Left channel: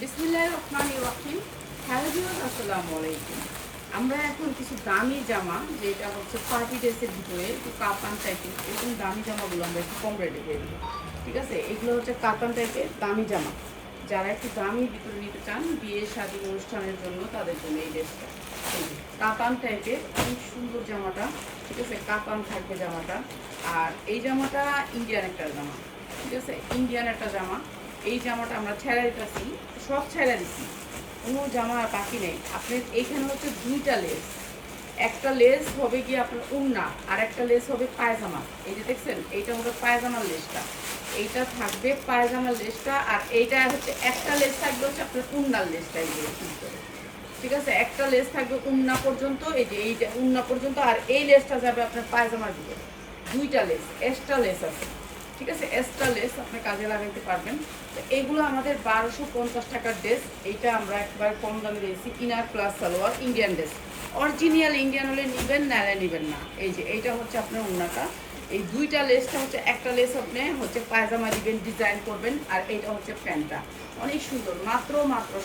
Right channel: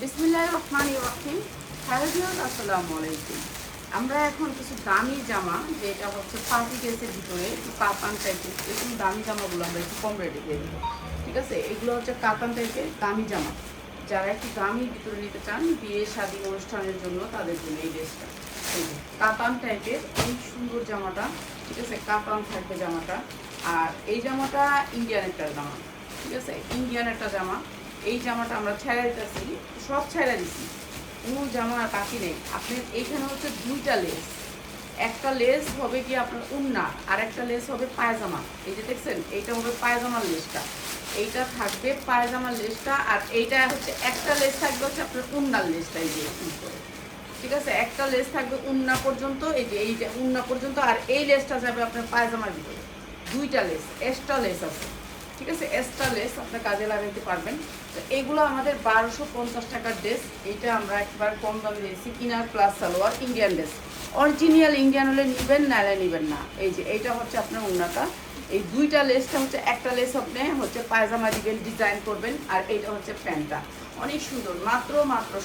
বিসমিল্লাহির রহমানির রহিম। Hello viewers, আসসালামু আলাইকুম। আমরা এখন কিছু দামি জামা, যেটা হচ্ছে পার্টি ড্রেসের ভিতরে একটু কাতান টাইপের, এরকম দামি জামাগুলো আমরা একটু কম রেটে দিয়ে দেবো। ঠিক আছে, এগুলো হচ্ছে কাতান টাইপের দামি জামা। যারা একটু দামি ভিতরে নিতে চান বিয়ে শাদী অনুষ্ঠানের জন্য, তাদের জন্য এই ড্রেসটা। এই যে কাতান টাইপের অনেক সুন্দর জামাটা। ঠিক আছে, কাতান থাকবে জামাটা। আর এই জামাটা ইন্ডিয়ান একটা জামা। ঠিক আছে, ইন্ডিয়ান একটা জামা। এই জামাটা আমরা ছেড়ে দিতেছি, সব ছেড়ে দিচ্ছি, কোনো জামা বাকি নেই। আপনার এইখানে হচ্ছে দুইটা লেস, একটা লেস হবে কি আপনার উন্না, আর একটা লেস হবে পায়জামা। এই যে দেখছেন, এইটা হবে পায়জামার লেসটা, এইটা থাকবে পায়জামার লেসটা। আর এইটা হচ্ছে একটা লেস থাকবে হচ্ছে আপনার উন্নার লেসটা, এই যে করে। ঠিক আছে, একটা লেস থাকবে উন্না পর্যন্ত, এই যে এইটা উন্না পর্যন্ত, আর এই লেসটা যাবে আপনার পায়জামার ভিতরে। দুইটা লেস, এক্সট্রা লেস আছে। ঠিক আছে, এক্সট্রা লেস আপনি কাজে লাগাইতে পারবেন। তো এইগুলো আমাদের 1250 টাকার ড্রেস। এইটা আমরা একবার কম দামে দিয়েছি, inner plus salwar Indian dress. Original Indian হলে নেবেন, নাহলে নেবেন না। এই যে এইটা হচ্ছে আপনার উন্নাটা। এই দুইটা লেসটা হচ্ছে, একটা লেস আপনি হচ্ছে পায়জামা দিবেন, ডিজাইন করবেন, আর এইটা হচ্ছে প্যান্টটা। অনেক সুন্দর, মাত্র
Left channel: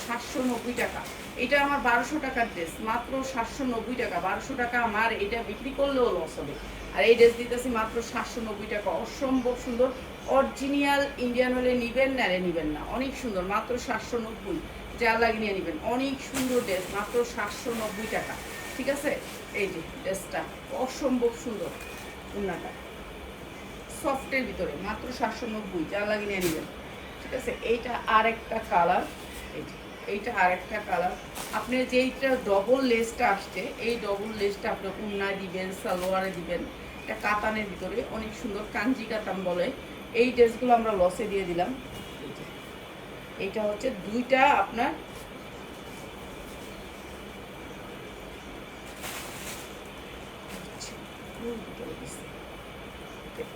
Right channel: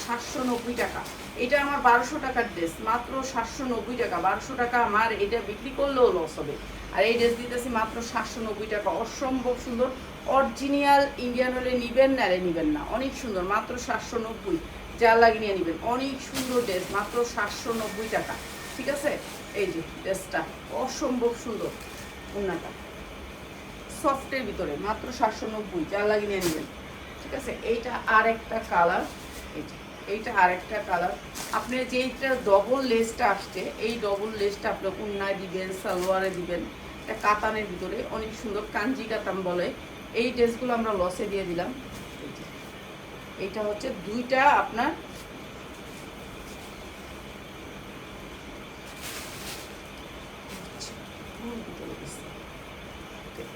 790 টাকা। এটা আমার 1200 টাকার ড্রেস, মাত্র 790 টাকা। 1200 টাকা আমার এটা বিক্রি করলেও লস হবে। আর এই ড্রেস দিতেছি মাত্র 790 টাকা। অসম্ভব সুন্দর, অরিজিনাল ইন্ডিয়ান হলে নিবেন, নাহলে নিবেন না। অনেক সুন্দর, মাত্র 790। যা লাগে নিয়ে নেবেন। অনেক সুন্দর ড্রেস, মাত্র 790 টাকা। ঠিক আছে, এই যে ড্রেসটা অসম্ভব সুন্দর, উন্নাটা সফটের ভিতরে, মাত্র 790। যা লাগে নিয়ে নেবেন। ঠিক আছে, এইটা আর একটা কালার। এইটা আর একটা কালার। আপনি যেইটা ডবল লেসটা আসছে, এই ডবল লেসটা আপনি উন্নায় দিবেন, সালোয়ারে দিবেন। এটা কাতানের ভিতরে অনেক সুন্দর, কাঞ্জি কাতান বলে। এই ড্রেসগুলো আমরা লসে দিয়ে দিলাম। এইটা হচ্ছে দুইটা আপনার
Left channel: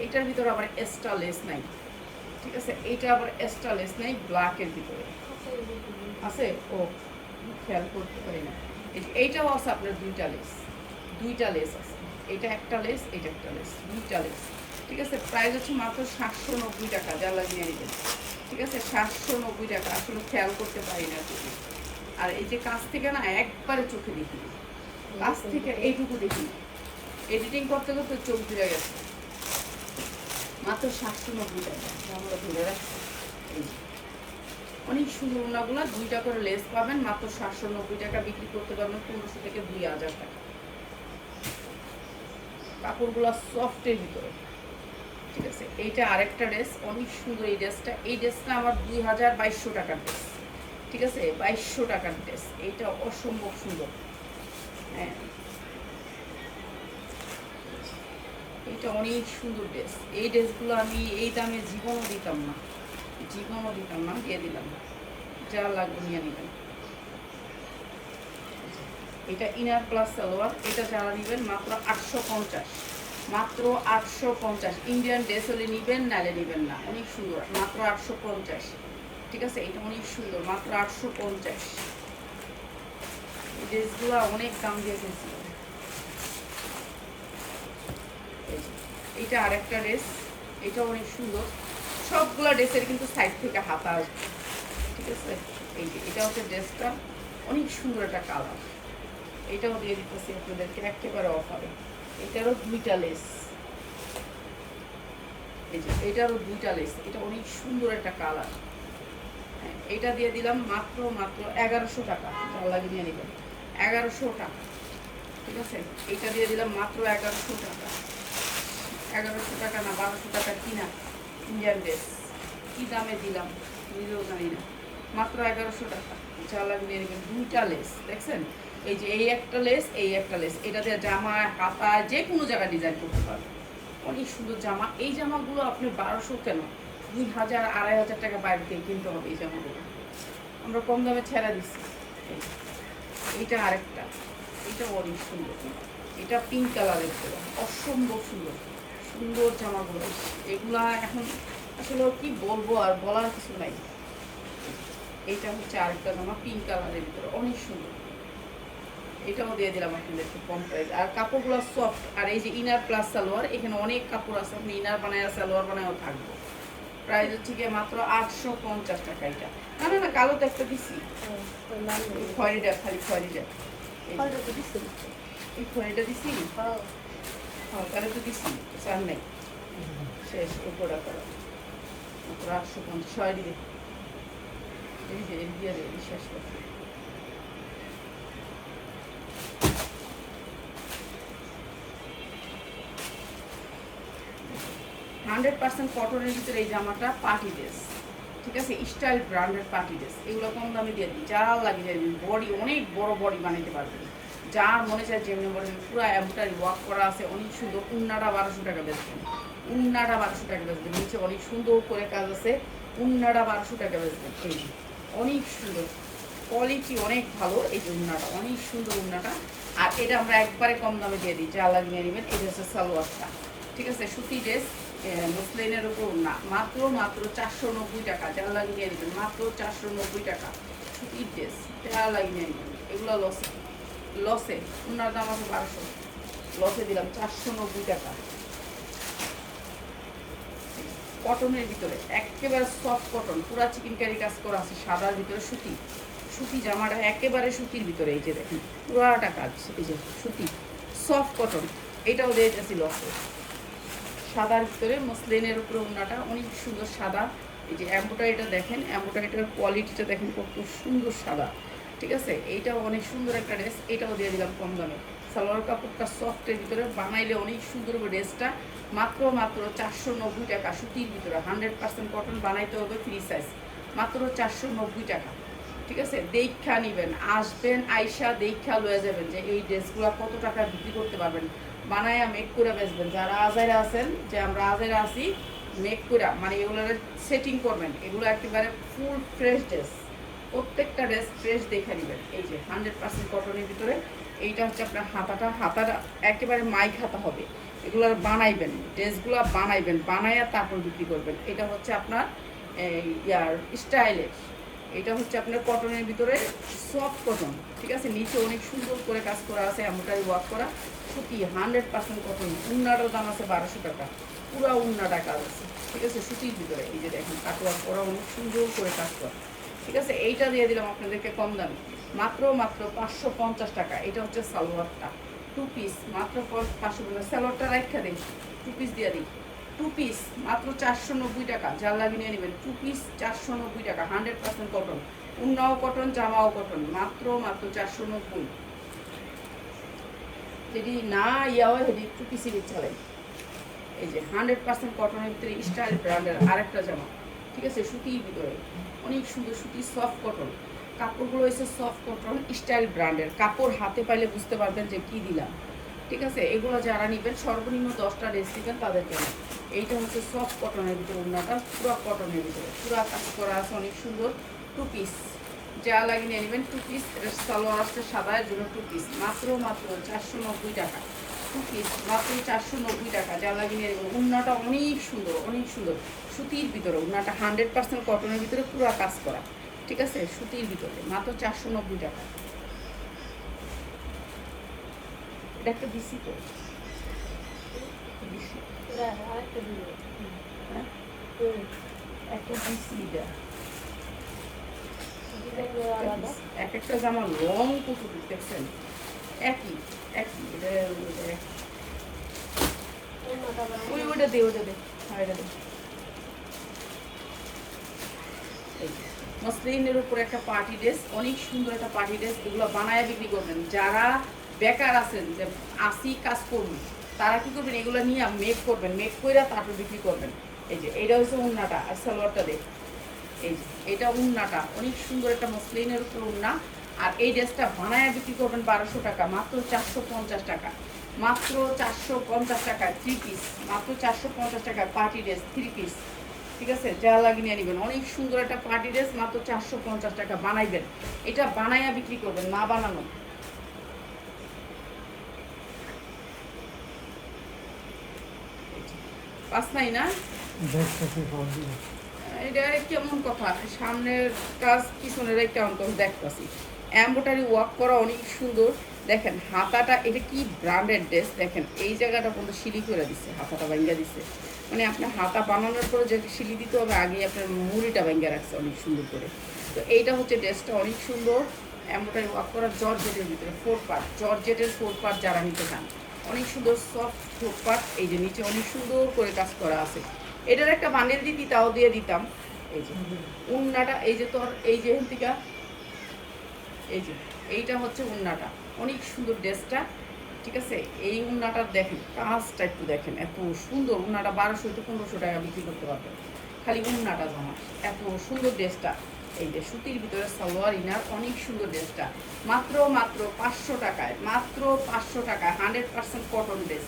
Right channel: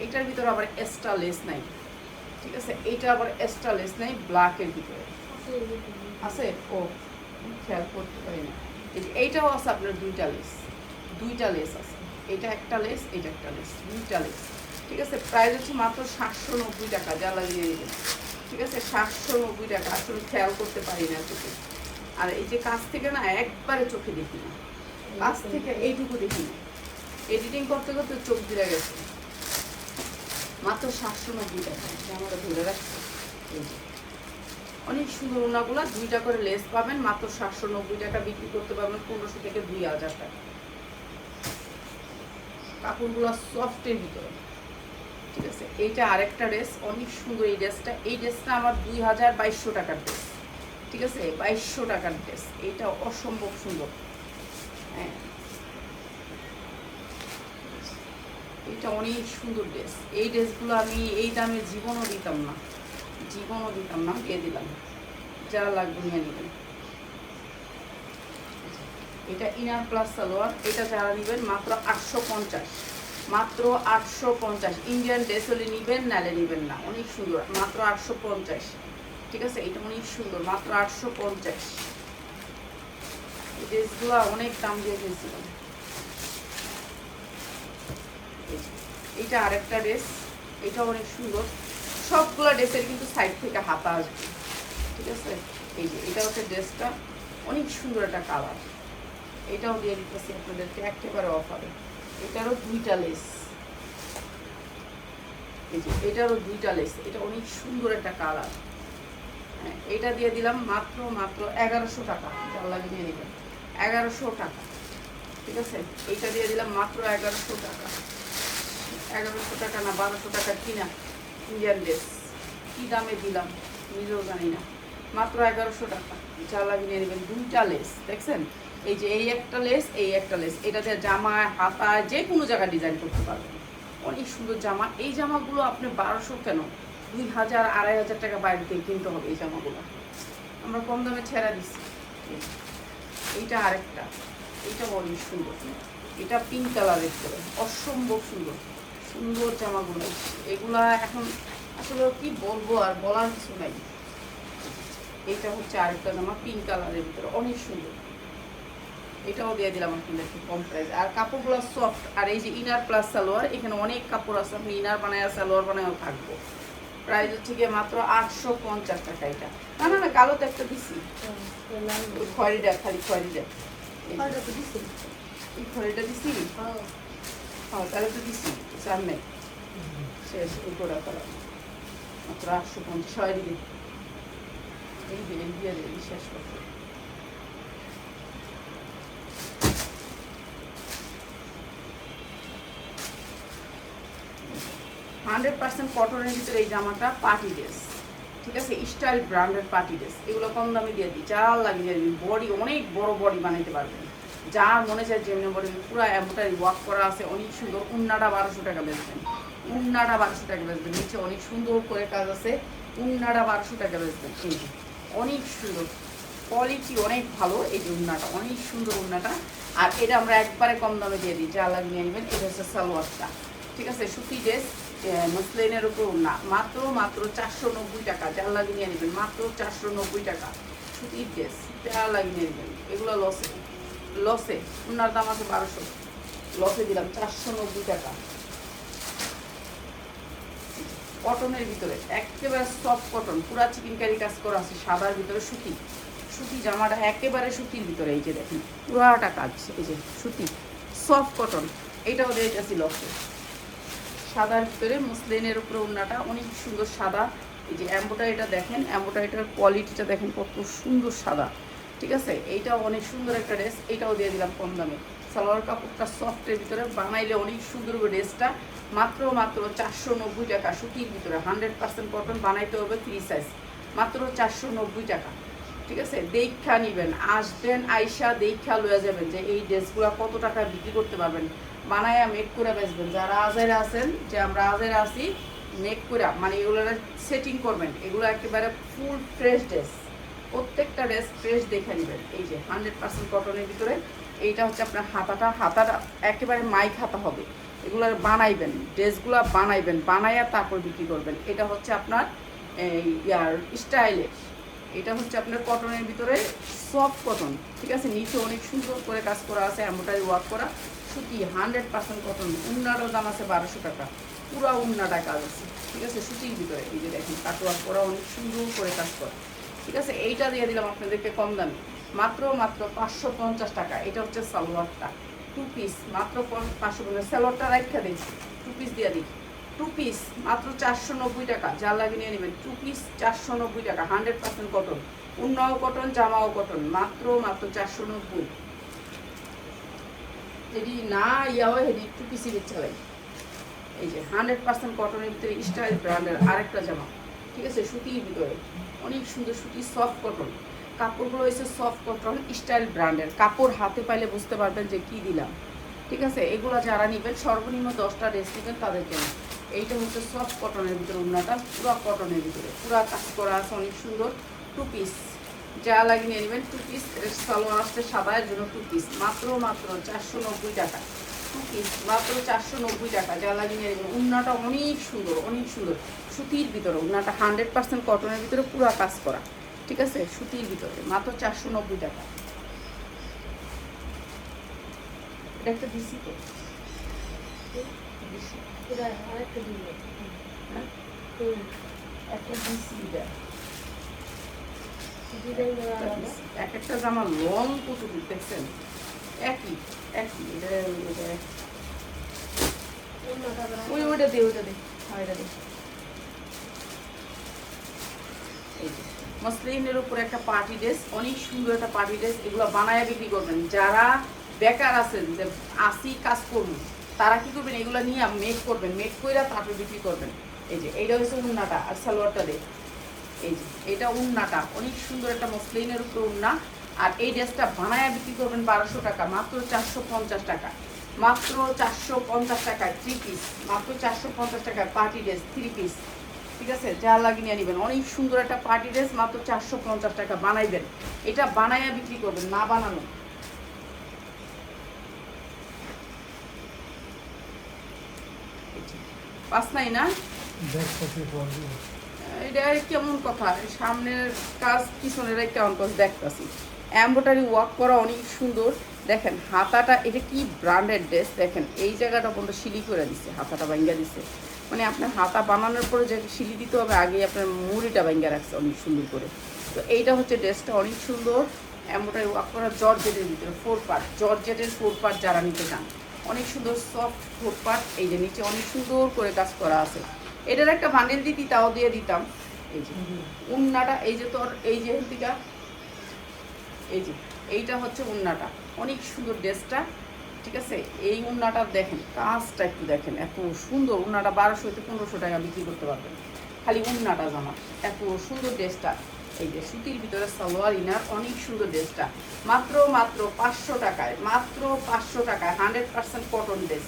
এইটার ভিতরে আবার এক্সট্রা লেস নাই। ঠিক আছে, এইটা আবার এক্সট্রা লেস নাই, ব্ল্যাকের ভিতরে আছে। ও খেয়াল করতে পারি না। এই যে এইটাও আছে আপনার দুইটা লেস, দুইটা লেস আছে। এটা একটা লেস, এটা একটা লেস, দুইটা লেস। ঠিক আছে, প্রাইস হচ্ছে মাত্র 790 টাকা। যা লাগিয়ে নেবেন। ঠিক আছে, 790 টাকা। আসলে খেয়াল করতে পারি না চোখে। আর এই যে কাছ থেকে না একবারে চোখে দেখি না, কাছ থেকে এইটুকু দেখি না। এডিটিং করতে করতে চোখ দিয়ে গেছে। মাত্র 790 টাকা আমরা ধরে রাখছি। অনেক সুন্দর ওনাগুলো, দুইটা করে লেস পাবেন, মাত্র 790 টাকা বিক্রি করতে পারবেন 1500 থেকে 2000 টাকা। কাপড়গুলো সফটের ভিতরে। ঠিক আছে, এইটা আরেকটা ড্রেস, অনেক সুন্দর এই ড্রেসটা। এই ড্রেসটা আমার 2200 টাকার ড্রেস। ঠিক আছে, 2200 টাকার ড্রেস। এইটা অসম্ভব সুন্দর। হ্যাঁ, এইটা অনেক সুন্দর ড্রেস। এই ড্রেসগুলো আমি এই দামে জীবনও দিতাম না, জীবনও দিতাম না, দিয়ে দিলাম। যা লাগবে নিয়ে নেবেন। এটা ইনার প্লাস সালোয়ার। এটা যারা নেবেন মাত্র 850, মাত্র 850। ইন্ডিয়ান ড্রেস হলে নেবেন, নালে নেবেন না। অনেক সুন্দর, মাত্র 850। ঠিক আছে, এটা অনেক সুন্দর, মাত্র 850। এই ড্রেসগুলো অনেক দাম দিয়ে ফেলছিল। এইটা আরেকটা ড্রেস, এটা অনেক সুন্দর। সবগুলো ড্রেসের কিন্তু সাইড থেকে হাতা আসবে। ঠিক আছে, এই যে এটা হচ্ছে ড্রেসটা, অনেক সুন্দর একটা কালার। এটাও দিয়ে দিতেছি আপনাদেরকে একেবারে অফারে। এটারও দুইটা লেস, এই যে এটারও দুইটা লেস। এটা অনেক সুন্দর একটা কালার। হ্যাঁ, এটা দিয়ে দিলাম মাত্র 1100 টাকা। যা লাগে নিয়ে নেবেন, 1100 টাকা। ঠিক আছে, এইটা দিয়ে দিলাম মাত্র 1100 টাকা। 1100 টাকা না 1200 টাকা কিনা ইন্ডিয়ান ড্রেস, কী দামে দিলাম নিজেও জানি না। মাত্র 1100 টাকা। যা লাগে নিয়ে নেবেন। দুইটা লেস দেখছেন, এই যে এই একটা লেস, এই একটা লেস। এটা দিয়ে জামায়, হাতায়, যে কোনো জায়গায় ডিজাইন করতে পারবেন। অনেক সুন্দর জামা। এই জামাগুলো আপনি 1200 কেন, 2000 2500 টাকা বাইরে থেকে কিনতে হবে এই জামাগুলো। আমরা কম দামে ছেড়ে দিচ্ছি। এইটা আরেকটা, এইটা অনেক সুন্দর। এটা পিঙ্ক কালারের ছিল, অসম্ভব সুন্দর, সুন্দর জামাগুলো। এগুলা এখন আসলে কি বলবো, আর বলার কিছু নাই। এইটা হচ্ছে আরেকটা জামা, পিঙ্ক কালারের ভিতরে, অনেক সুন্দর। এটাও দিয়ে দিলাম আপনাদেরকে কম প্রাইস। আর কাপড়গুলো সফট। আর এই যে ইনার প্লাস সালোয়ার, এখানে অনেক কাপড় আছে, আপনি ইনার বানায় সালোয়ার বানায়ও থাকবো। প্রাইস হচ্ছে গিয়ে মাত্র 850 টাকা। এটা না না না, কালো তো একটা দিছি, ওই খয়েরিটা, খালি খয়েরিটা, এই খয়েরিটা দিছি। হ্যাঁ তাহলে তো দিছি, চার নেই, শেষ উপরা করা মাত্র 850। সরি দে, এই যে এই দিয়ে শেষ করতে। 100% কটনের ভিতরে এই জামাটা পার্টি ড্রেস, ঠিক আছে, স্টাইল ব্র্যান্ডেড পার্টি ড্রেস। এগুলো কম দামে দিয়ে দিই, যা লাগিয়ে দিই। বডি অনেক বড় বডি বানাইতে পারবেন, যা মনে চায় যেমনি বডি, পুরো এমব্রয়ডারি ওয়ার্ক করা আছে, অনেক সুন্দর। উন্নাটা 1200 টাকা বেচবেন, উন্নাটা 1200 টাকা বেচবেন। নিচে অনেক সুন্দর করে কাজ আছে, উন্নাটা 1200 টাকা বেচবেন। এই যে অনেক সুন্দর কোয়ালিটি, অনেক ভালো। এই যে উন্নাটা অনেক সুন্দর উন্নাটা, আর এটা আমরা একবারে কম দামে দিয়ে দিই, যা লাগিয়ে নেবেন। এটা হচ্ছে সালোয়ারটা, ঠিক আছে, সুতি ড্রেস মসলিনের উপর না, মাত্র মাত্র 490 টাকা। যা লাগিয়ে নেবেন মাত্র 490 টাকা। সুতির ড্রেস যা লাগিয়ে নেবেন। এগুলো লসে, লসে উনার দাম আছে 1200, লসে দিলাম 490 টাকা। কটনের ভিতরে একেবারে সফট কটন, পুরা চিকেন কারি কাজ করা আছে, সাদার ভিতরে সুতি। সুতি জামাটা একেবারে সুতির ভিতরে, এই যে দেখেন পুরাটা কাজ, এই যে সুতি সফট কটন। এইটাও দিয়েছি লসে, সাদার ভিতরে মসলিনের উপরে ওড়নাটা অনেক সুন্দর সাদা। এই যে এমব্রয়ডারিটা দেখেন, এমব্রয়ডারিটার কোয়ালিটিটা দেখেন কত সুন্দর সাদা, ঠিক আছে। এইটাও অনেক সুন্দর একটা ড্রেস, এটাও দিয়ে দিলাম কম দামে। সালোয়ার কাপড়টা সফটের ভিতরে, বানাইলে অনেক সুন্দর হবে ড্রেসটা। মাত্র মাত্র 490 টাকা, সুতির ভিতরে 100% কটন, বানাইতে হবে 3 সাইজ, মাত্র 490 টাকা, ঠিক আছে। দেখা নিবেন, আসবেন, আইসা দেখা লয়ে যাবেন যে এই ড্রেসগুলো কত টাকায় বিক্রি করতে পারবেন। বানায়া মেক করে বেচবেন। যারা আজাইরা আছেন, যে আমরা আজাইরা আছি, মেক করে মানে এগুলো সেটিং করবেন। এগুলো একেবারে ফুল ফ্রেশ ড্রেস, প্রত্যেকটা ড্রেস ফ্রেশ দেখে নেবেন। এই যে 100% কটনের ভিতরে। এইটা হচ্ছে আপনার হাতাটা, হাতাটা একেবারে মাইক হাতা হবে। এগুলো বানাইবেন, ড্রেসগুলো বানাইবেন, বানাইয়া তারপর বিক্রি করবেন। এটা হচ্ছে আপনার ইয়ার স্টাইলের, এটা হচ্ছে আপনার কটনের ভিতরে সফট কটন, ঠিক আছে। নিচে অনেক সুন্দর করে কাজ করা আছে, এমব্রয়ডারি ওয়ার্ক করা, সুতি 100% কটন। উন্নাটার দাম আছে 1200 টাকা, পুরো উন্নাটা কাজ আছে, ঠিক আছে, সুতির ভিতরে। এই যে দেখেন কাটওয়ার্ক করা, অনেক সুন্দর করে কাজ করা, ঠিক আছে। এইটা দিয়ে দিলাম আপনাদেরকে কম দামে, মাত্র মাত্র 550 টাকা। এটা হচ্ছে সালোয়ারটা, 2 পিস, মাত্র 550। সালোয়ারটা রাখা দিই, 2 পিস দিয়ে দিই, 2 পিস মাত্র 490 টাকা। যা লাগিয়ে নিয়ে নেবেন, 2 পিস 490 টাকা, 100% কটন, উন্নাও কটন, জামাও কটন, মাত্র মাত্র 490। যদি না ইয়া হয় হেডি 2 পিসই বেচালাই। এই যে 100% কটনের ভিতরে স্টাইল ব্র্যান্ডের আরেকটা জামা, ঠিক আছে, সুতির ভিতরে অনেক সুন্দর সুতি সফট কটন। কাপড়গুলো হচ্ছে সফট কটন স্টাইল ব্র্যান্ডের কাপড়। হাতে পাইলে বুঝতে পারবেন যে কি দিলাম, ঠিক আছে। এগুলো যারা নেবেন সর্বনিম্ন 10টা ড্রেস নেবেন তাদেরকে। এইটা হচ্ছে সফট কটনের ভিতরে, ওড়নাটা পুরো কটনের ভিতরে, পুরো কাজ করা আছে, অনেক সুন্দর। 2 পিস, যা লাগিয়ে নেবেন 2 পিস। সালোয়ার আসছে সাদা, এর জন্য 2 পিস, মাত্র মাত্র 490 টাকা। 2 পিস মাত্র 490 টাকা, যা লাগিয়ে নেবেন। ওড়নাটা অনেক সুন্দর, অনেক সুন্দর সুতির ভিতরে। ওড়নাটা 100% কটনের ভিতরে, পুরো কাজ করা, ঠিক আছে, সুতির ভিতরে, মাত্র 490 টাকা। এটা একটা দিছি তো, একটা দিছি। এক একটা জামা লং কতটুকু দেখছেন, একই একই। এটা ওইটা দে, ওইটা দে, হ্যাঁ এটা দে। এই যে মসলিনের উপর একটা পার্টি ড্রেস, অনেক সুন্দর একটা পার্টি ড্রেস। এগুলো বানায় বিক্রি করবেন। যারা বেকার আছেন, যে আসি কাজ করবেন, তারা কি করবেন, এগুলো নিয়ে মেক করবেন, মেক করে তারপর বিক্রি করবেন। এই যে এইটা হচ্ছে উন্নাটা, আর সালোয়ারটা দে। এই যে এটা উন্নাটা অনেক সুন্দর একটা মসলিনের উপর উন্না। আর এই ড্রেসটা বানায় বিক্রি করবেন 1200 টাকা, মাত্র 450 টাকা, মাত্র 450 টাকা। 3 পিস, মাত্র 450 টাকা পার্টি ড্রেস 3 পিস, ঠিক আছে। যা লাগিয়ে নিয়ে নেবেন, অনেক সুন্দর একটা পার্টি ড্রেস, মাত্র 450 টাকা। বানাইবেন, এটা বানাইয়া বিক্রি করবেন, না বানানো। পাস নাই না, এটা কেমন কথা, সামনের কাজ পিছনের কেমন কাজ দেখতেছি। এমব্রয়ডারি ওয়ার্ক করা অনেক সুন্দর, দেখেন হাতাটা। এটা কি ব্র্যান্ডেড ড্রেস, দেখেন এই জায়গাটা পর্যন্ত সিলি করে দিচ্ছে, হাতাটা ভাঙ্গা দিচ্ছে, মানে আপনার হাতা বানানোর পরে যে শিলি দিতে হবে, আগে আপনার মুড়িটা ভেঙে রাখছে অনেক সুন্দর করে। তো এইটা হচ্ছে ড্রেসটা অনেক সুন্দর, এমনটাই ওয়ার্ক করা জর্জেটের ভিতরে 4 পার্ট, জর্জেটের 4 পার্ট যারা নিতে চান, অনেক সুন্দর সফট 4 পার্ট। এই যে নিচে অনেক সুন্দর করে কাজ করা আছে। এটার একটা বান্ডেল দিতি, তাও দিয়ে দিতাম। এই যে উন্নাটা, এই যে তোর এই যে হেলতিকা, এই যে এইটা হচ্ছে উন্নাটা, অনেক সুন্দর ড্রেসটা। ঠিক আছে, এই উন্নাটা দেখেন, কাজটা একটু দেখেন, এত সুন্দর উন্নাটা। 1200 থেকে 1500 টাকা বিক্রি করতে পারবেন খালি উন্নাটা জামা, এত সুন্দর ড্রেসটা। এই যে সুতির ভিতরে সালোয়ার ইনার, অনেক সুন্দর ড্রেসটা, মাত্র 500 টাকায়, মাত্র 500 টাকায় 100% কটন ড্রেস।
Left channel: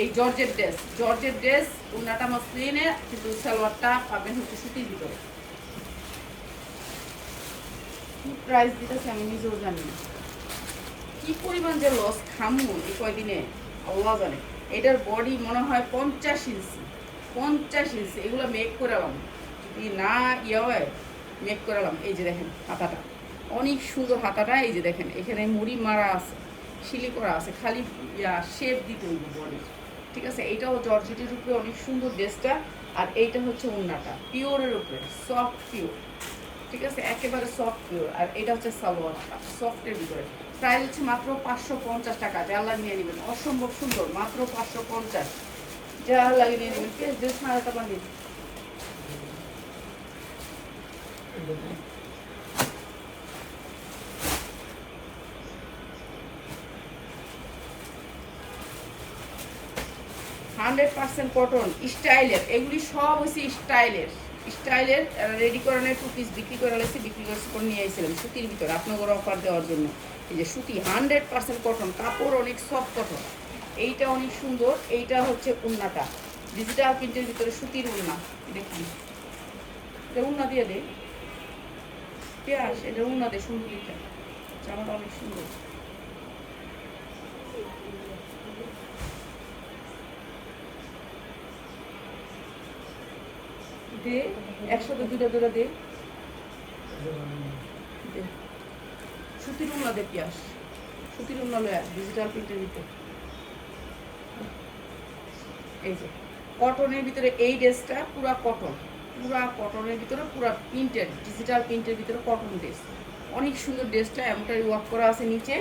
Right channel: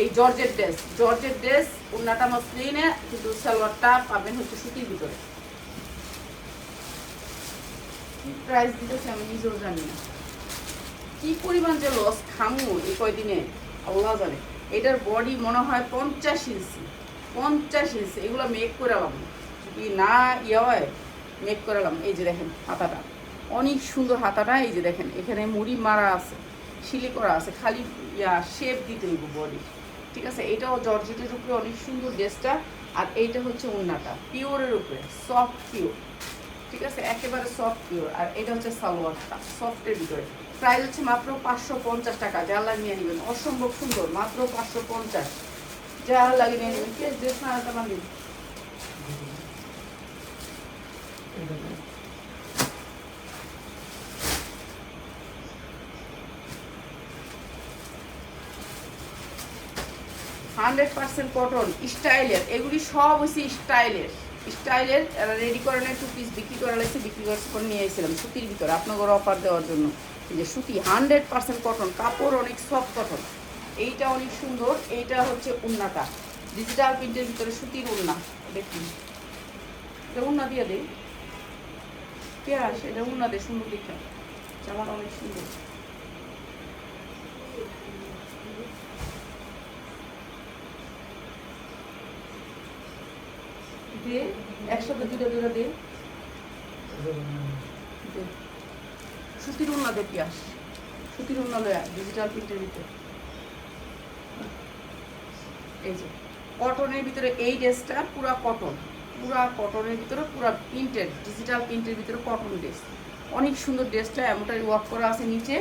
এই জর্জেট ড্রেস, জর্জেট ড্রেস, উন্নাটা মসলিনে, কিন্তু সালোয়ারটা পাবেন হচ্ছে সুতির ভিতরে। কি প্রাইস দিতেছে আমি নিজেও জানি না, কি পরিমাণ যে লস খামু এই কয়দিনে আল্লাহ জানে। এটার বডি মনে হয় 50 ইঞ্চি, 50 ইঞ্চি। এগুলো মেক করালাম, যদি না ইয়ে হয় মেক করালাম। এই যে দেখেন হাতাটা, অনেক সুন্দর হাতাটা। এই যে দেখেন এখানে মুড়ি মারা আছে, শিলি করা আছে, খালি শেপ দিতে হইব বডি। ঠিক আছে, এইটাও জর্জেটের উপরে অনেক সুন্দর ড্রেসটা। আর এইটা হচ্ছে উন্নাটা পিওরের উপরে, সফট পিওর। ঠিক আছে, একেবারে সফট পিওর। আর এটা হচ্ছে সালোয়ারটা সফটের ভিতরে। প্রাইস হচ্ছে মাত্র 550 টাকা, যা লাগিয়ে নেবেন, অসম্ভব সুন্দর, মাত্র 550, যা লাগিয়ে নিয়ে নেবেন। প্লিজ ড্রেস মারাটা বাঁধিয়ে 100% কটন স্টাইলের, এগুলি সব হচ্ছে স্টাইলের, স্টাইলের রেডি করানোর 2 পিস বিক্রি করা লাগছে, বিক্রি করে নিয়ে আসছিলাম সুতির ভিতরে আপনাদের অফার দেওয়ার জন্য। এই যে সুতি 100% কটন, কাপড় অনেক সফট কটন। এইটা অনেক সুন্দর। এইটা হচ্ছে উন্নাটা ডিজিটাল প্রিন্টের ভিতরে সুতির উন্না। দেখুন এটা উন্না দিয়ে দে পেঁয়াজ, এটা উন্না দে সুন্দর দেখে, জামাটা অনেক সুন্দর। দে একসাথে দুটা দে, সুতির উন্না দে পেঁয়াজ, সুতির উন্না লয়া ডিজিটাল প্রিন্টের ভিতরে। এই যে কটনের ভিতরে এই ড্রেসটা পুরা কটন, পুরা কটনের ভিতরে পুরা প্রিন্টেড, ডিজিটাল প্রিন্টের ভিতরে কটন ড্রেস, অনেক সুন্দর ড্রেসটা। এমনটাই ওয়ার্ক করা আছে নিচে,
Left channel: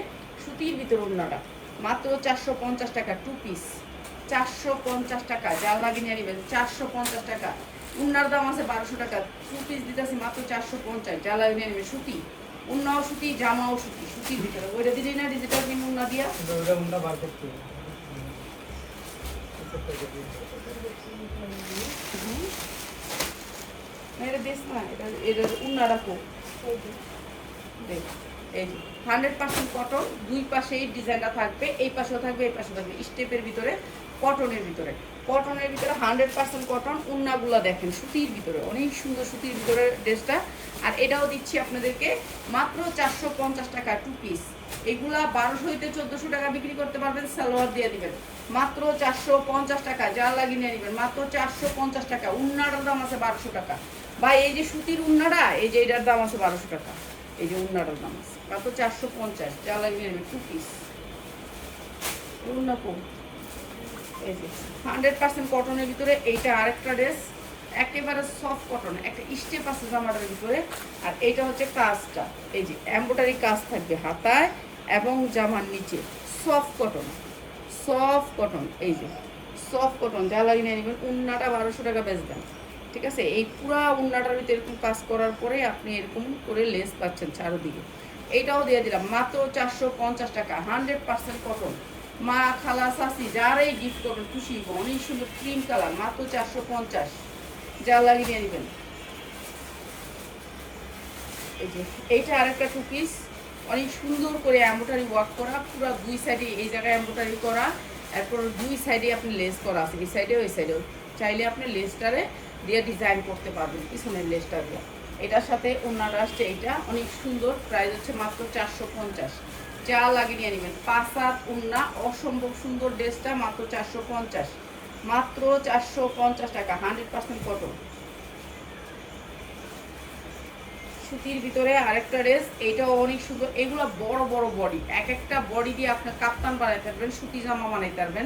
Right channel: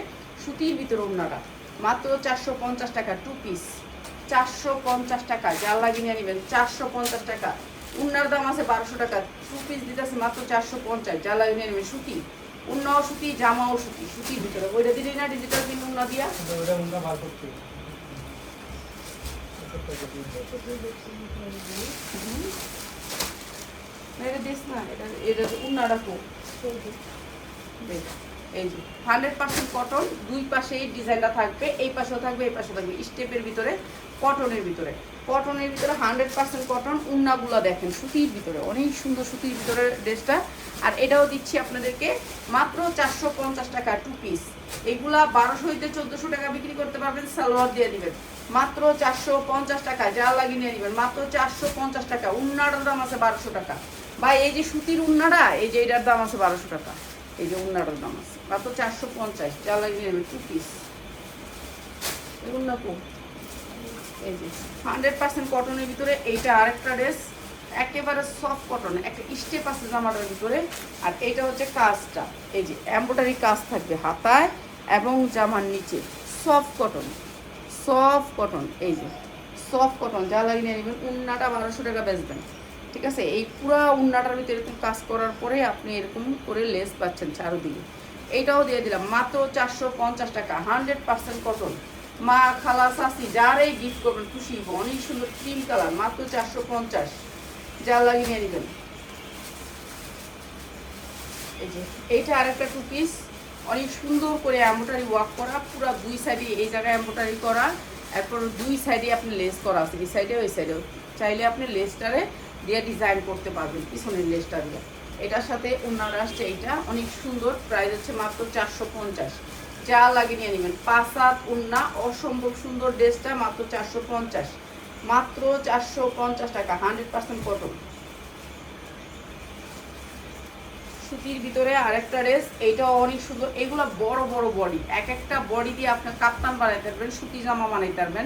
সুতির ভিতরে উন্নাটা, মাত্র 450 টাকা 2 পিস, 450 টাকা, যা লাগিয়ে নিয়ে নেবেন 450 টাকা। উন্নার দাম আছে 1200 টাকা, 2 পিস দিতেছি মাত্র 450, যা লাগিয়ে নিয়ে নেবেন। সুতি উন্নাও সুতি, জামাও সুতি, সুতির ভিতরে। ওইটা দিলেই না ডিজিটাল প্রিন্ট উন্না দিয়া, এটা দিস না, এটা উন্নাটা কো দেখ। এই যে 100% কটন, দুই পাশে এই ডিজাইনটা থাকবে, এই পাশেও থাকবে, এই পাশেও থাকবে, স্টেপের ভিতরে কটনের ভিতরে, কটনের ভিতরে 100% কটন। উন্নাগুলো দেখেন সুতির ভিতরে, অনেক সুন্দর সুতির ভিতরে ড্রেসটা। আর এটাও দিচ্ছি আপনাদেরকে মাত্র 450 টাকা 2 পিস। এগুলা 1200 হইতে 1400 টাকা বিক্রি করতে পারবেন, সালোয়ার দিয়ে দিবেন মাত্র 450 টাকা, যা লাগিয়ে নিয়ে নেবেন মাত্র 450 টাকা। উন্নাটার দাম আছে 1200 টাকা বা এই যে সুতির উন্নাটা, এই যে এটার দাম আছে 1200 টাকা। এই যে উন্নাটার দাম আছে মাত্র 450, যা লাগিয়ে নেবেন 2 পিস। এই উন্না কম, এই যে 100% কটনের ভিতরে। এইটা আরেকটা ড্রেস, একেবারে সফট কটন, একটা স্টেপ আছে জামাটার ভিতরে। আর এইটা হচ্ছে কাজটা, এই যে এমব্রয়ডারি কাজ থাকবে হাতায় এবং জামার নিচে, সফট কটন, সফট কটন। এই যে সফট কটন, যা লাগিয়ে নেবেন। উন্নাটা 1200 টাকা বেচবেন। ঠিক আছে, এই পুরা উন্নাটার ভিতরে এরকম কাজ করার পরে আপনি এরকম করে লেস পাচ্ছেন চারদিকে। এইটাও দিয়ে দিলাম মাত্র 450 টাকা, 100% কটন। মা খালা শাশি যারাই গিফট করবেন খুশি, অনেক সুন্দর ক্রিম কালার, মাত্র 450, যা লাগিয়ে নিয়ে নেবেন। এই যে এইটা আরেকটা 2 পিস, অনেক সুন্দর করে এমব্রয়ডারি ওয়ার্ক করা, পুরো দুই সাইডে এই জায়গায় এমব্রয়ডারি করা, এরপর দুই সাইডে আপনি লেস করা আছে, এই সাইডে ওই সাইডেও। চাইলে আপনি লেসটারে দিয়ে ডিজাইন করতে পারবেন, পিছনের লেসটা দিয়ে। এটার সাথে ওনারা আসছে, এইটা অনেক সুন্দর, প্রাইস হচ্ছে মাত্র 450, যা লাগিয়ে নিয়ে নেবেন। 5 হাত ওন্না, অসম্ভব সুন্দর ড্রেসটা, মাত্র 450, মাত্র 450 টাকা, 100% কটন সুতির ভিতরে। আরেকটা ড্রেস, এইটাও অনেক সুন্দর। এগুলো বড় বড় বডি, এক একটা বডি দিয়ে আপনি কাপ্তান বানাইতে পারবেন, সুতি জামা বানাইতে পারবেন।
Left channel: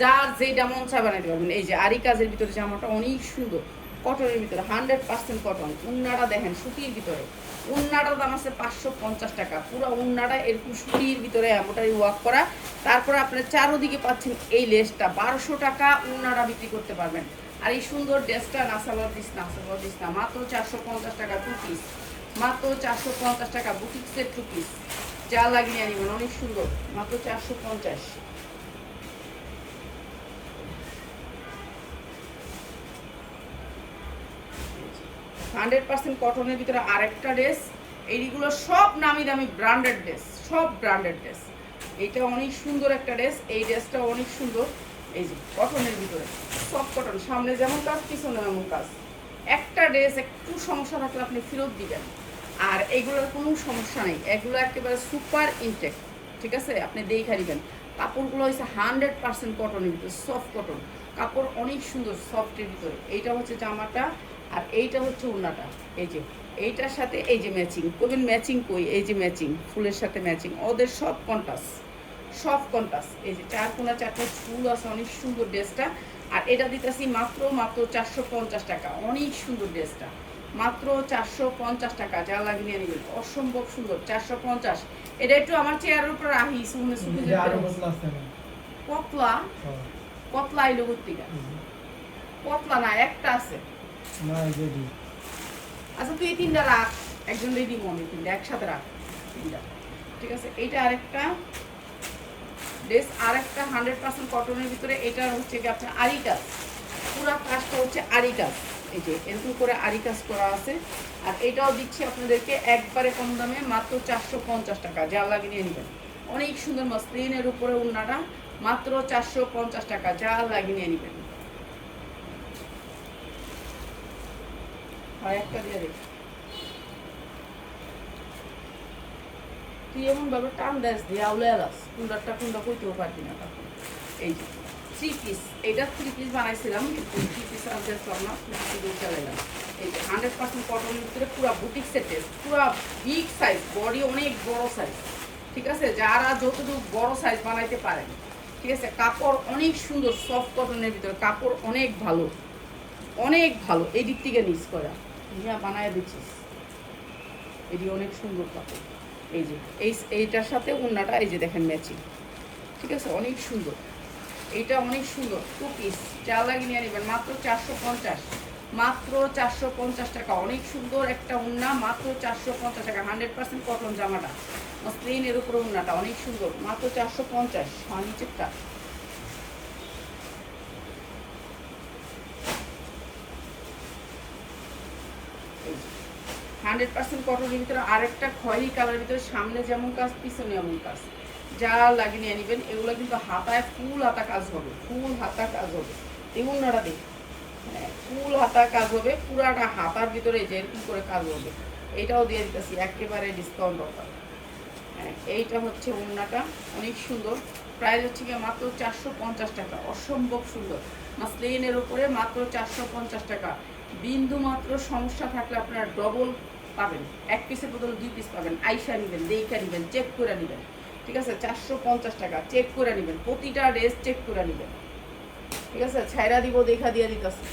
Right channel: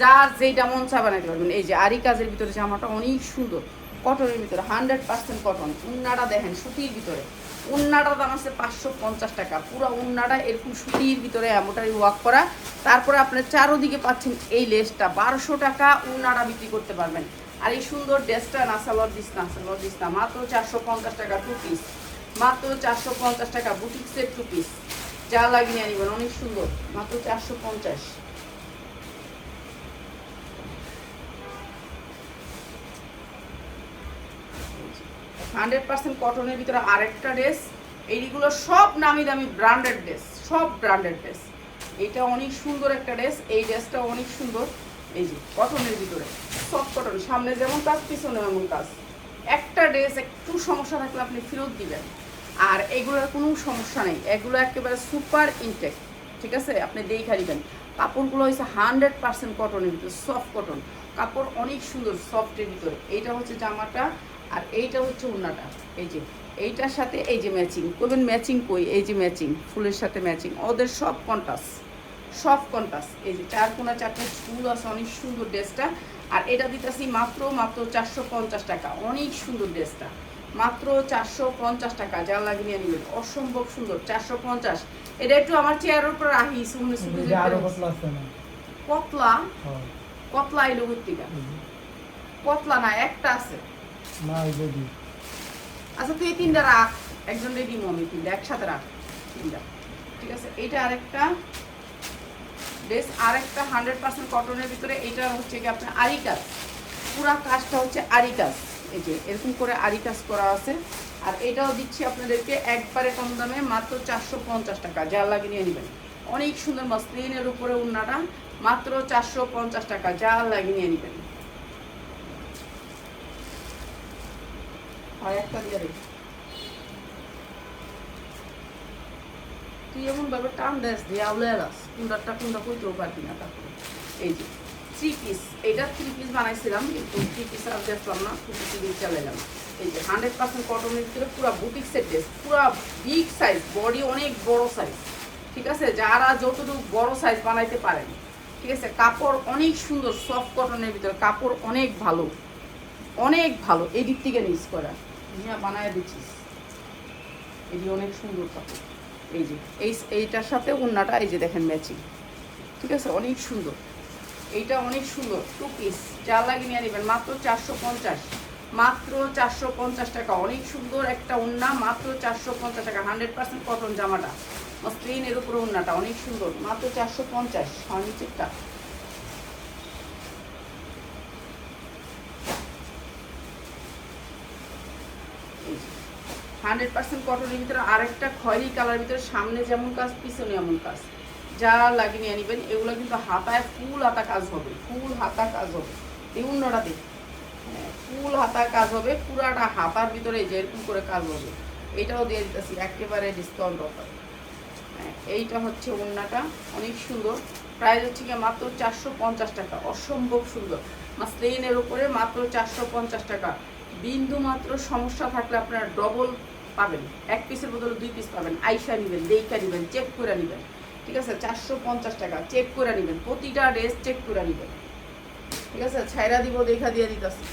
যার যেটা মন চা বানাইতে পারবেন। এই যে আরি কাজের ভিতরে জামাটা অনেক সুন্দর, কটনের ভিতরে 100% কটন। উন্নাটা দেখেন সুতির ভিতরে, উন্নাটার দাম আছে 550 টাকা। পুরো উন্নাটা এরকম সুতির ভিতরে এমনটাই ওয়ার্ক করা। তারপরে আপনার চারোদিকে পাচ্ছেন এই লেসটা, 1200 টাকা উন্নাটা বিক্রি করতে পারবেন। আর এই সুন্দর ড্রেসটা নাসালোয়ার দিস না, সালোয়ার দিস না, মাত্র 450 টাকা 2 পিস, মাত্র 450 টাকা বুটিক্সের 2 পিস, যা লাগিয়ে আনিবেন, অনেক সুন্দর, মাত্র 450। 100% কটনের ভিতরে আরেকটা ড্রেস। এইগুলো সব নামি দামি ব্র্যান্ডেড ড্রেস, সব ব্র্যান্ডেড ড্রেস। এইটা অনেক সুন্দর একটা ড্রেস, এই ড্রেসটা অনেক সুন্দর। এই যে কটনের ভিতরে সফট কটন, সামনে যেমন কাজ পিছনে এমন কাজ। একটা ড্রেস একটু সমস্যা থাকলে আপনি ফেরত দিবেন, আর এগুলোর কোনো সমস্যা নেই, এগুলো একেবারে সুপার ইনটেক। ঠিক আছে, আপনি দেখে নেবেন। কাপড়গুলো হচ্ছে 100% কটনের ভিতরে, সফট কটন কাপড়, অনেক সুন্দর সফটের ভিতরে। এইটা হচ্ছে জামাটা, আর এইটা হচ্ছে ওড়নাটা। এই যে এইটার সাথে এই যে ম্যাচিং করবেন, ম্যাচিং কই, এই যে ম্যাচিং ফুলের সাথে ম্যাচিং, ওদের সব কন্ট্রাস্ট, সব কন্ট্রাস্ট। এই যে 4 কোনা 4টা ফুল আছে, অনেক সুন্দর ড্রেসটা। আর এটা দিতেছি মাত্র 450 টাকা, অনেক সুন্দর ড্রেসটা, মাত্র 450 টাকা। যা লাগিয়ে নেবেন, অসম্ভব সুন্দর, 450। এটা একটু আমার চেয়ারের উপর রাখি, কতলা কতলা এলো গুত্তিকা, কতলা না একটা আছে। আচ্ছা তুই এই 3টা রাখ, একজন রেডি মমি 3টা একসাথে রাখ, 3টা। ঠিক আছে, এইটা আরেকটা ড্রেস, আরেকটা 100% কটনের ভিতরে। এটা হচ্ছে কি আপনার আরি কাজ, পুরা কাজটা হচ্ছে আরি কাজ। এই যে এরকম করে আরি কাজ করা আছে। আর এটাও দিচ্ছি আপনাদেরকে একবারে কম দামে, মাত্র 450 টাকা। যা লাগিয়ে নিয়ে নেবেন, অনেক সুন্দর মসলিনের উপরে ওড়নাটা, মাত্র 450 টাকা। যা লাগিয়ে নিয়ে নেবেন। আর একটা দিয়ে দেখি, তুই এমন ভাবে টান দেস দিয়ে আউলে আলাস, কুন্ডারটা কুন্ডা কইতেও পারবি না। তারপর এই যে 3 পিস, এটা 3 পিস বানাইছিলাম, কিন্তু 3 পিস আর দেখলাম না, 2 পিস দিয়ে চালাইলাম। এই যে 100% কটনের ভিতরে পুরো বুটিক্সের ড্রেস, পুরো বিগ সাইজ, বডি অনেক বড় সাইজ। ঠিক আছে, যারা যতটুকু বড় সাইজ বানাইতে পারেন। ঠিক আছে, কাপড় অনেক সুন্দর, সফট কটনের ভিতরে কাপড় অনেক ভালো, অনেক ভালো। এই দিক থেকে নিচ করা নিয়ে বানায় দিচ্ছিস, এটি অনেক সুন্দর কাপড়। এই যে এইটার সাথে ওড়নাটা এই যে দেখেন ম্যাচিং। ঠিক আছে, অনেক সুন্দর, এইটা অনেক সুন্দর 2 পিস। যা লাগিয়ে নিয়ে নেবেন, মাত্র 450, মাত্র 450 টাকা। অনেক সুন্দর একটা ওড়না, মাত্র 450 টাকা। 100% কটন জামাটা, মসলিনের উপরে ওড়নাটা অনেক সুন্দর, মাত্র 450। আর নিচেরটা এই 100% কটনের ভিতরে আরেকটা খয়েরি কালারের ভিতরে, সামনে যেমন কাজ পিছনে এমন কাজ। যা লাগিয়ে নিয়ে নেবেন, এগুলো কিন্তু হাতায় ফুল হাতা কাজ হবে, ফুল হাতা কাজ হবে। এই অন্যটা দেখ, ফুল হাতা কাজ হবে, পুরাটা হাতার ভিতরে যে এরকম করে কাজ হবে। এইটাও দিয়ে দিতেছি একেবারে ডিসকাউন্ট অফার। এইটা হচ্ছে ওড়নাটা, অনেক সুন্দর। প্রাইস হচ্ছে গিয়ে মাত্র 450 টাকা, অসম্ভব সুন্দর মাসলিনের উপরে, মাত্র 450 টাকা। বিন্দু মাত্র সমস্যা থাকলে আপনারা ডবল পাবেন, 1 পিসের বদলে 2 পিস পাবেন। আইসা নেবেন, দেইকা নেবেন, চেক করে নেবেন। ঠিক আছে, 450 টাকা, চেক করে নেবেন, প্রতিটা ড্রেস চেক করে নেবেন। ঠিক আছে, ছাইরা দিব দেখা দিয়ে দিতেছি,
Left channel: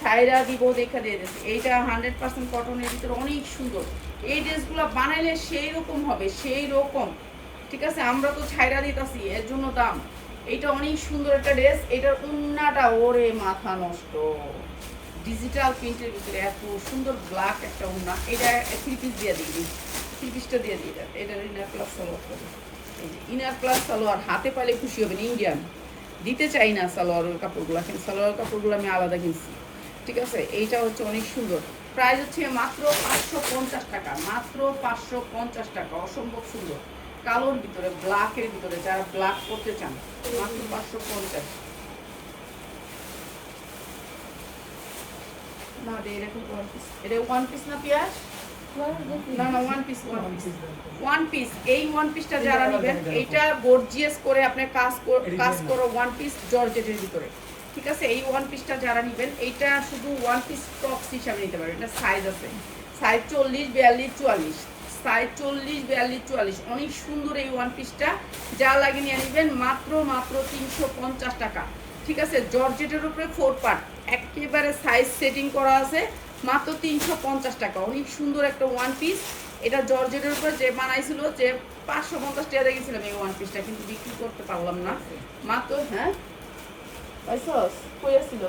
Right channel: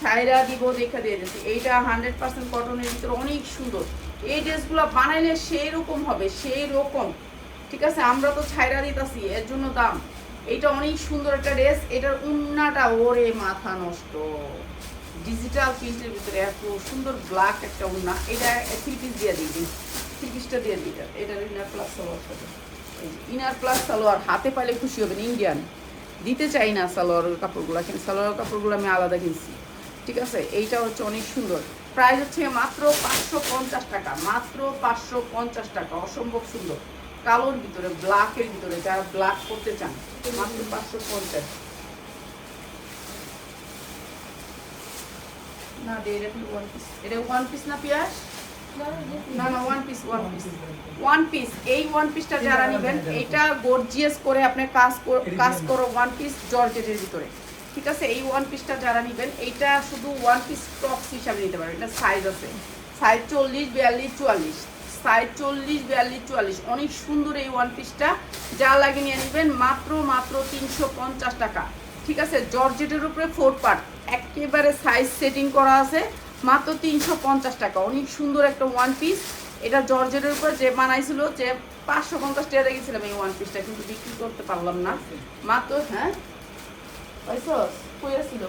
ছাইরা দিব দেখা দিয়ে দিতেছি। এইটা 100% কটনের ভিতরে অনেক সুন্দর। এই ড্রেসগুলো বানাইলে সেই রকম হবে, সেই রকম। ঠিক আছে, আমরা তো ছাইরা দিতেছি, এর জন্য দাম। এইটা অনেক সুন্দর একটা ড্রেস। এটার উন্নাটা ওরে মাথা নষ্ট, ডিজিটাল প্রিন্টের ভিতরে এত সুন্দর ব্ল্যাক একটা উন্না। এটা 3 পিস দিয়ে দিই, 3 পিসটা দিয়ে দিই। এটার ইনার প্লাস সালোয়ার হবে, এই যে ইনার প্লাস সালোয়ার। হাতে পাইলে খুশি হবেন, ইন্ডিয়ান দিতে চাই না সালোয়ারের কাপড়গুলো, কিন্তু সালোয়ার কাপড়গুলো আমি আলাদা কিনছি। ঠিক আছে, এইটা হচ্ছে অনেক সুন্দর। প্রাইস হচ্ছে মাত্র 550 টাকা, মাত্র 550 টাকা। অসম্ভব সুন্দর, কালোর ভিতরে, ব্ল্যাকের ভিতরে, যারা ব্ল্যাক করতে চান, মাত্র 550। না দে, এটা 1 পিস, এটা 1 পিস না পিয়াস, না না 1 পিস, 1 পিস, 1 পিস। এই 1 পিসটা যারা নেবেন, এইটা গর্জিয়াস করে আপনি কাজ করো 1 পিস জর্জেটের ভিতরে। ঠিক আছে, এই 1 পিসটা যারা নেবেন, এইটা শুধু 1 পিস টপস হিসাবে নিতে পারবেন। এটা সাইজ আছে, সাইজ 40, 42, 44, সাইজ 40, 42, 44, অনেক সুন্দর এই ওয়ান পিসটা। যা লাগে নিয়ে নেবেন মাত্র 350 টাকা। ঠিক আছে, জর্জেটের উপরে 4 পার্ট, একেবারে সাইজ সেটিং করা আছে, মাত্র 350 টাকা। অনেক সুন্দর একটা ওয়ান পিস। এটা জর্জেটের উপর যে বানাইছিল, যে 550 টাকা রেখেছিলাম এই ওয়ান পিসটা, কিন্তু বিক্রি করতে পারলাম না। মাত্র হ্যাঁ পাইছস কই আসছিল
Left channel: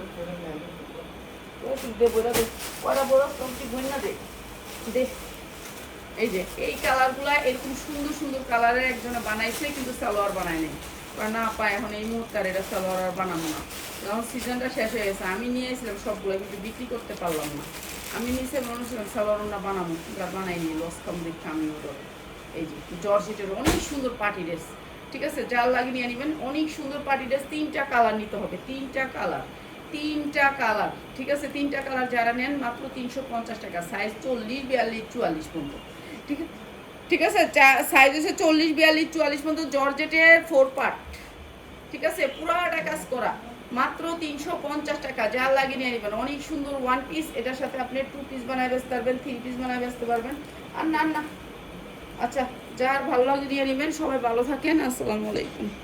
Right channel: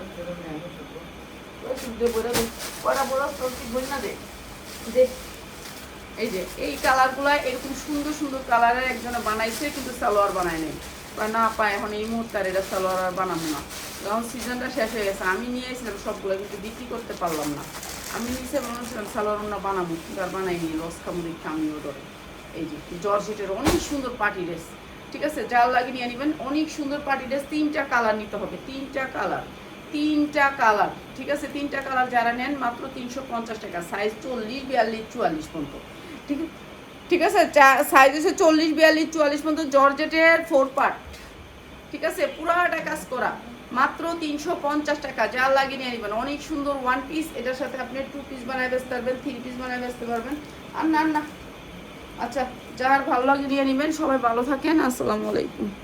দে বইরা দে, কটা বড় কি বন্যা দে দে। এই যে এই কালারগুলো এরকম সুন্দর সুন্দর কালারের একজনে বানাইছে, কিন্তু সালোয়ার বানায় নাই, না পায় এখন এই মুহূর্তে আর এটা সালোয়ার আর বানাবো না, যখন সিজনটা শেষ হয়ে গেছে। আমি নিয়ে এসেছিলাম সবগুলো, কিন্তু বিক্রি করতে পারলাম না। আমি নিচে মনে ছিলাম সালোয়ার না বানাবো, কিন্তু আর বানাইনি, লস খাম দেখতে আমি ওটা। এই যে জর্জেটের অনেক সুন্দর পার্টি ড্রেস। ঠিক আছে, জাল লাগিয়ে নিয়ে নেবেন, অনেক সুন্দর পার্টি ড্রেস। 3টা কালার নিতে হবে, 3টা কালার, 3টা কালার। ঠিক আছে, 3টা কালার যারা নেন মাত্র 350 টাকা। সাইজ 40, 42, 44 পর্যন্ত। ঠিক আছে, ঠিক আছে, সাইজ হচ্ছে 40, 42, 44 পর্যন্ত। জর্জেটের 4 পার্ট। ঠিক আছে, পুরাটা কাজ করা, মাত্র 350 টাকা। যা লাগিয়ে নিয়ে নেবেন, অনেক সুন্দর ওয়ান পিস। এটার সাথে আপনি 2 পিস বানায় বেচতে পারবেন, 3 পিস বানায় বেচতে পারবেন। আর না না, আচ্ছা, যার ভালো লাগে নিয়ে নেবেন। সবাই ভালো থাকেন, আসসালামু আলাইকুম।